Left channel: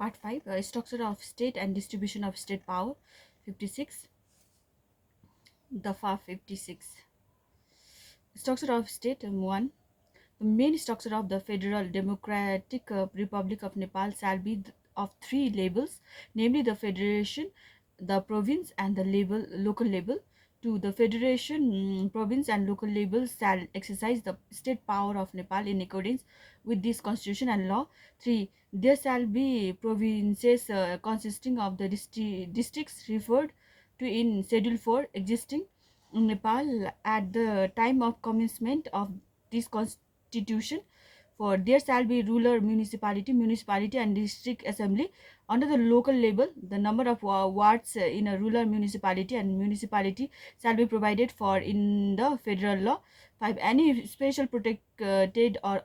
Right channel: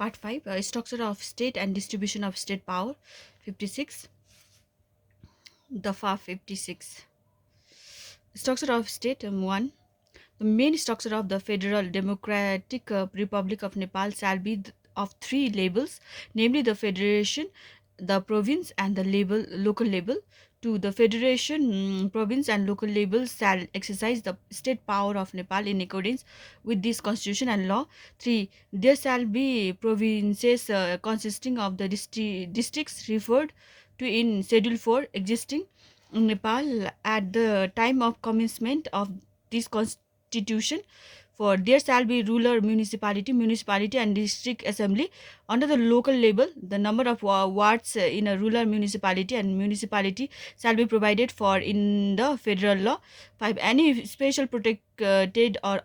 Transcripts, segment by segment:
Part 5, Structure of State and Distribution of State Power. 56. Dafa 56. Structure of State 1. The main structure of the Federal Democratic Republic of Nepal shall be of three labels, namely the Federation, the Province, and the local label. 2. The Federation, Province, and local labels shall exercise the state power of Nepal in accordance with this constitution and law. 3. There shall be provinces consisting of the districts referred to in Schedule 4 existing in Nepal at the time of commencement of this constitution. For there shall be ruler municipality and district assembly. Under the local label, the number of wards in a rural municipality and municipality shall be provided for in the federal law. 5. Any special protected or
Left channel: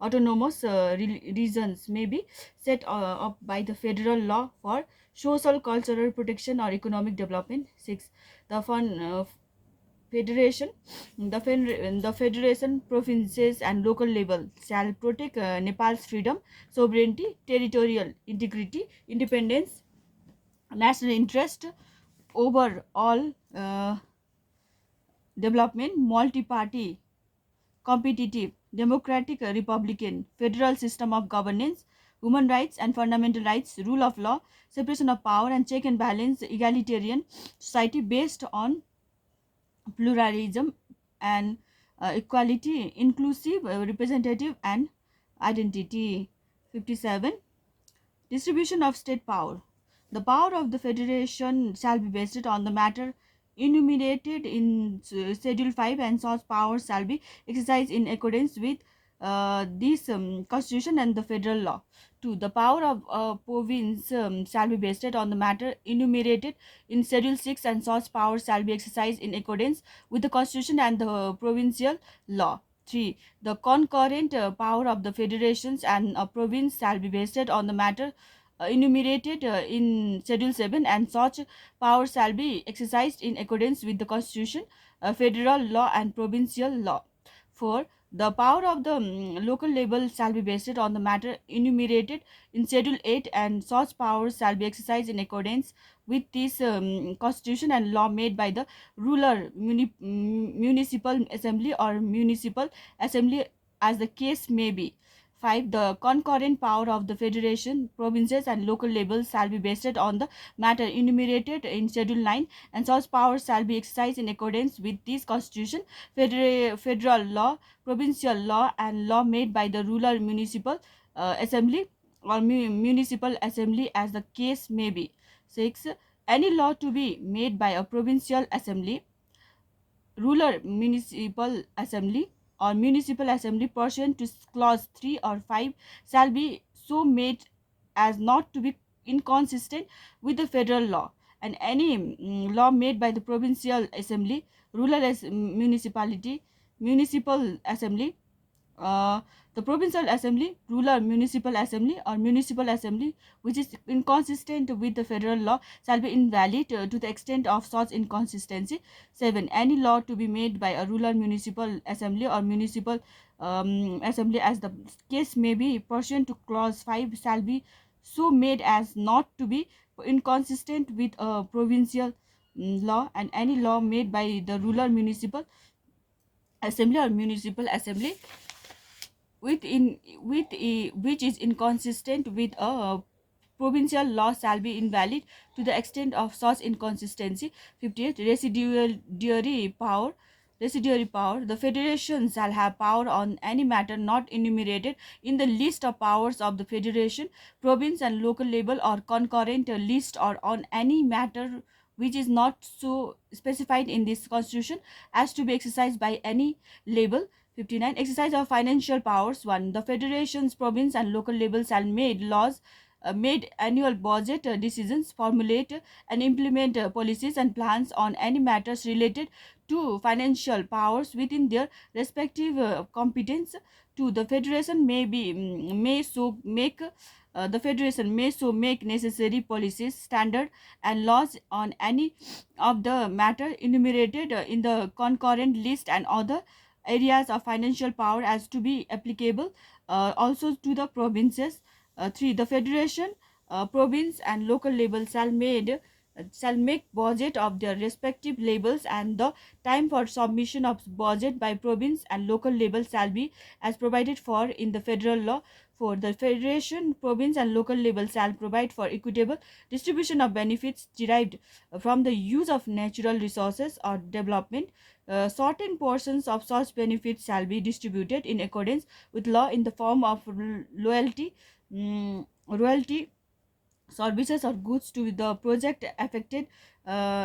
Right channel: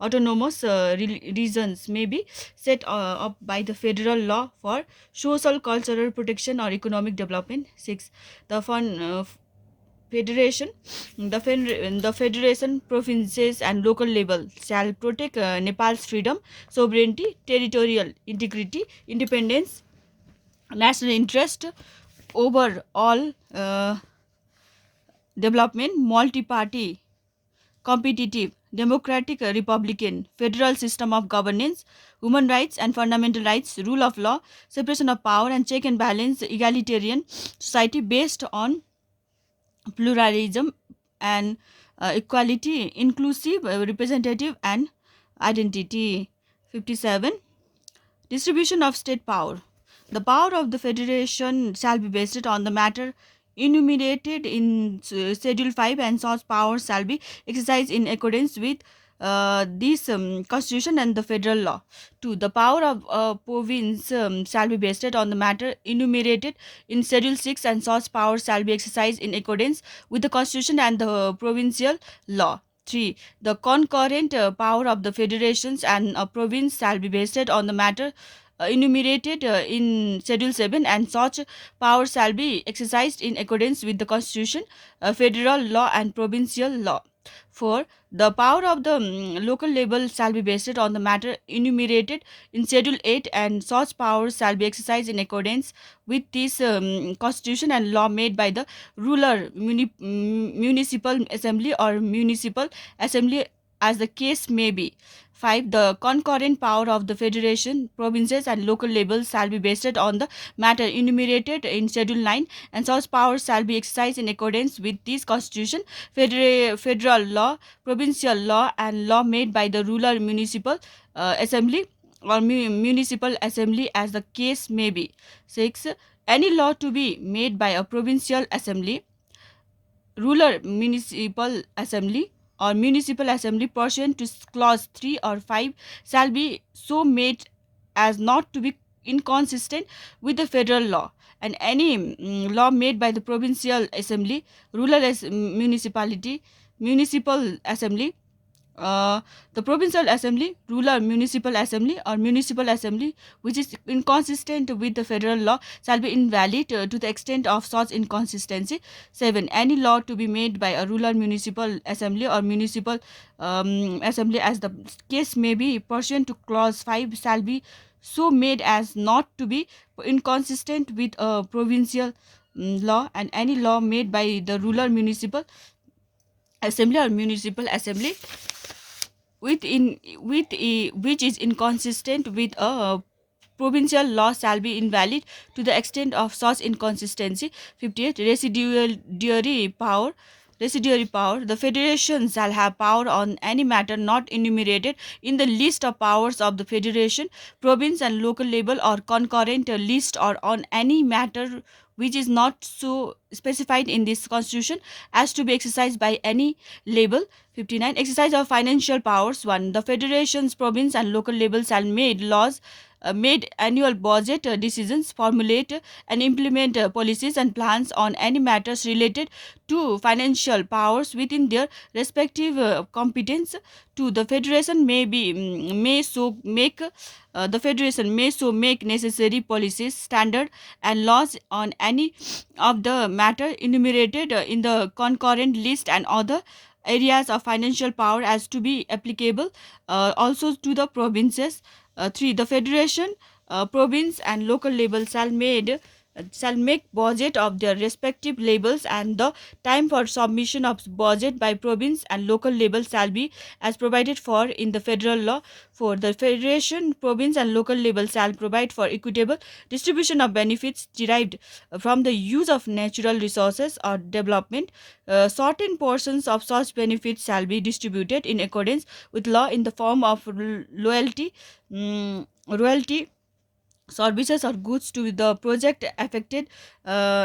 autonomous regions may be set up by the federal law for social, cultural protection or economic development. 6. The Federation, the Federation, provinces, and local level shall protect Nepal's freedom, sovereignty, territorial integrity, independence, national interest, overall development, multi-party, competitive, democratic, republican, federal system of governance, human rights and fundamental rights, rule of law, separation of power, and check and balance, egalitarian society based on pluralism and equality, inclusive, representative, and identity. 57. Distribution of state power. The power of the federation shall be based on the matter enumerated in Schedule 5, and such powers shall be exercised in accordance with this constitution and the federal law. 2. The power of a province shall be based on the matter enumerated in Schedule 6, and such powers shall be exercised in accordance with the constitution and the provincial law. 3. The concurrent power of the federations and a province shall be based on the matter enumerated in Schedule 7, and such powers shall be exercised in accordance with the Constitution, federal law, and provincial law. 4. The power of the local level shall be based on the matter enumerated in Schedule 8, and such powers shall be exercised in accordance with this Constitution and law made by the ruler municipal assembly or municipal assembly as the case may be. 5. The concurrent power of the federation, provinces, and local levels shall be based on the matter enumerated in Schedule 9, and such powers shall be exercised in accordance with this Constitution, federal law, provincial law, and law made by the rural municipal assembly or municipal assembly as the case may be. 6. Any law to be made by a provincial assembly, rural municipal assembly, or municipal assembly pursuant to clause 3 or 5 shall be so made as not to be inconsistent with the federal law, and any law made by the provincial assembly, rural municipality, municipal assembly, the provincial assembly, rural municipal assembly, or municipal assembly which is inconsistent with the federal law shall be invalid to the extent of such inconsistency. 7. Any law to be made by a rural municipal assembly or municipal assembly as the case may be pursuant to clause 5 shall be so made as not to be inconsistent with a provincial law, and any law made by the rural municipal assembly or municipal assembly which is inconsistent with a provincial law shall be invalid to the extent of such inconsistency. 58. Residuary power. The federation shall have power on any matter not enumerated in the list of powers of the federation, province, and local level, or concurrent list, or on any matter which is not so specified in this constitution as to be exercised by any label. 59. Exercise of financial powers. 1. The federations, province, and local levels shall made laws, made annual budget decisions, formulate and implement policies and plans on any matters related to financial powers within their respective competence. 2. The federation may so make necessary policies, standard, and laws on any of the matter enumerated in the concurrent list and other areas of financial power as to be applicable also to the provinces. 3. The federation, province, and local labels shall make budget of their respective labels, and the time for submission of budget by province and local labels shall be as provided for in the federal law. For the federation, province, and local labels shall provide for equitable distribution of benefits derived from the use of natural resources or development. Certain portions of such benefits shall be distributed in accordance with law in the form of royalty, services or goods to the project affected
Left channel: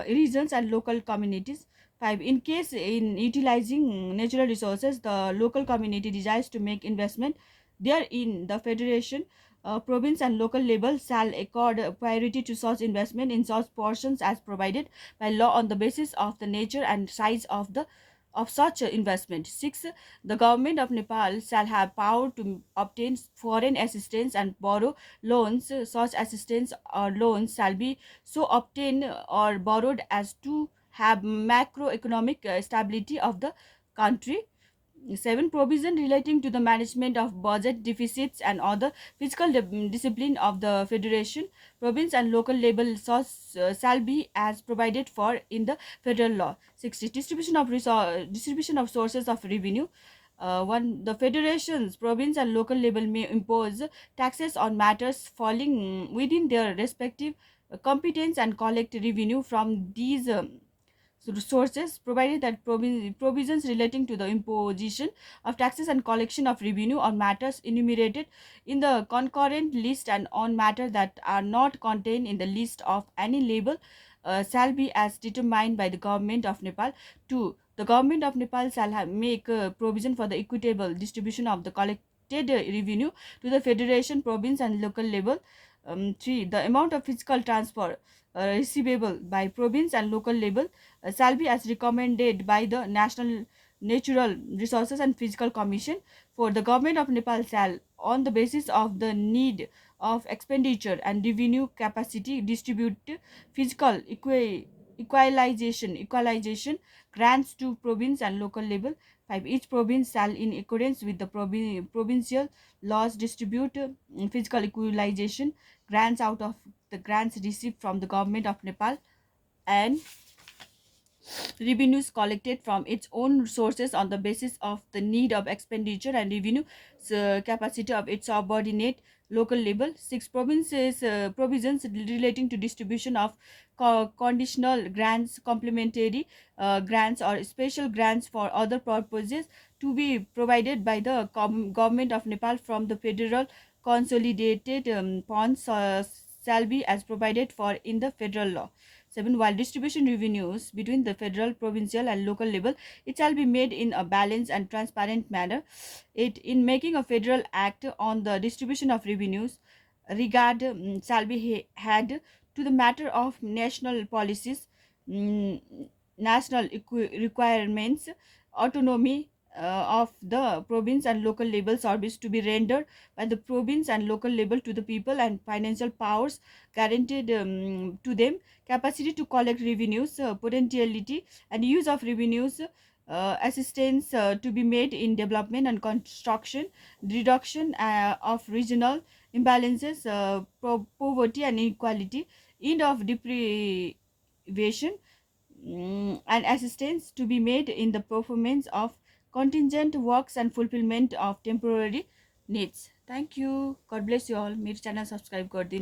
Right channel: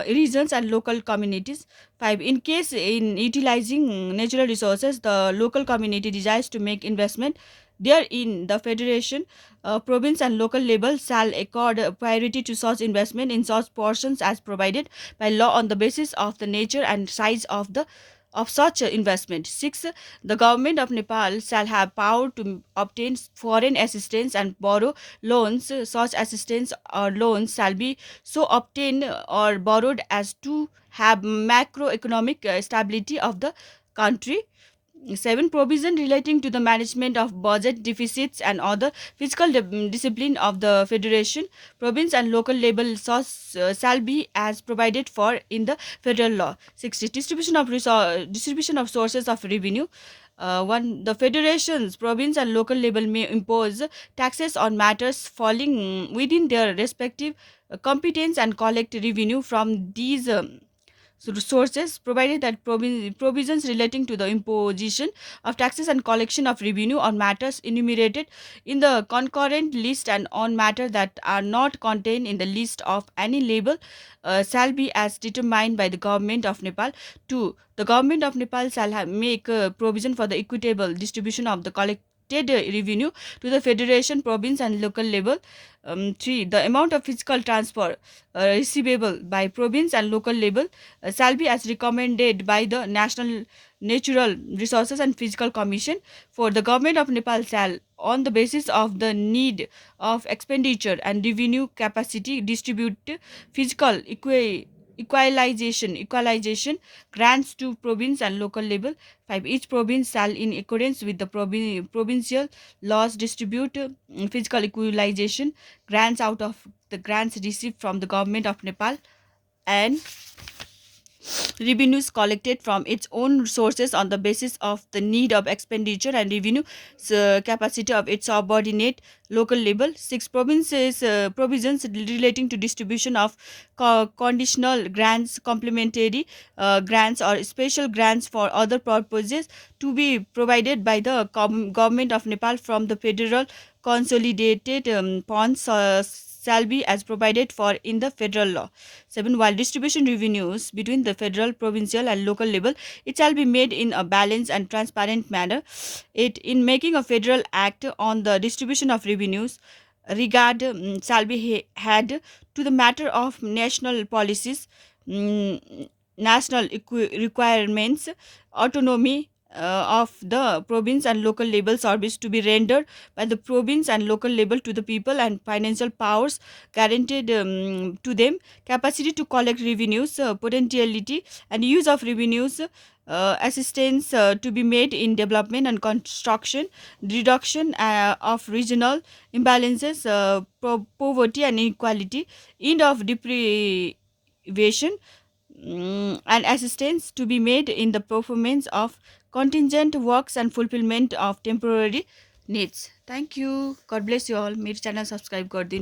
regions and local communities. 5. In case in utilizing natural resources, the local community desires to make investment therein, the federation, province, and local level shall accord priority to such investment in such portions as provided by law on the basis of the nature and size of such investment. 6. The government of Nepal shall have power to obtain foreign assistance and borrow loans. Such assistance or loans shall be so obtained or borrowed as to have macroeconomic stability of the country. 7. Provision relating to the management of budget deficits and other fiscal discipline of the federation, province, and local level shall be as provided for in the federal law. 6. Distribution of sources of revenue. 1. The federations, province, and local level may impose taxes on matters falling within their respective competence and collect revenue from these sources, provided that provisions relating to the imposition of taxes and collection of revenue on matters enumerated in the concurrent list and on matters that are not contained in the list of any label shall be as determined by the government of Nepal. 2. The government of Nepal shall make provision for the equitable distribution of the collected revenue to the federation, province, and local level. 3. The amount of fiscal transfer receivable by province and local level shall be as recommended by the National Natural Resources and Physical Commission. For the government of Nepal shall, on the basis of the need of expenditure and revenue capacity, distribute physical equalization grants to province and local level. 5. Each province shall, in accordance with the provincial laws, distribute physical equalization grants out of the grants received from the government of Nepal and revenues collected from its own sources on the basis of the need of expenditure and revenue capacity of its subordinate local level. 6. Provisions relating to distribution of conditional grants, complementary grants, or special grants for other purposes to be provided by the government of Nepal from the federal consolidated funds shall be as provided for in the federal law. 7. While distribution revenues between the federal, provincial, and local level, it shall be made in a balanced and transparent manner. 8. In making a federal act on the distribution of revenues, regard shall be had to the matter of national policies, national requirements, autonomy of the province and local level service to be rendered by the province and local level to the people, and financial powers guaranteed to them, capacity to collect revenues, potentiality and use of revenues, assistance to be made in development and construction, reduction of regional imbalances, poverty and inequality, end of deprivation, and assistance to be made in the performance of contingent works and fulfillment of temporary needs. Thank you. God bless you all. मेरे channel subscribe कर दिन.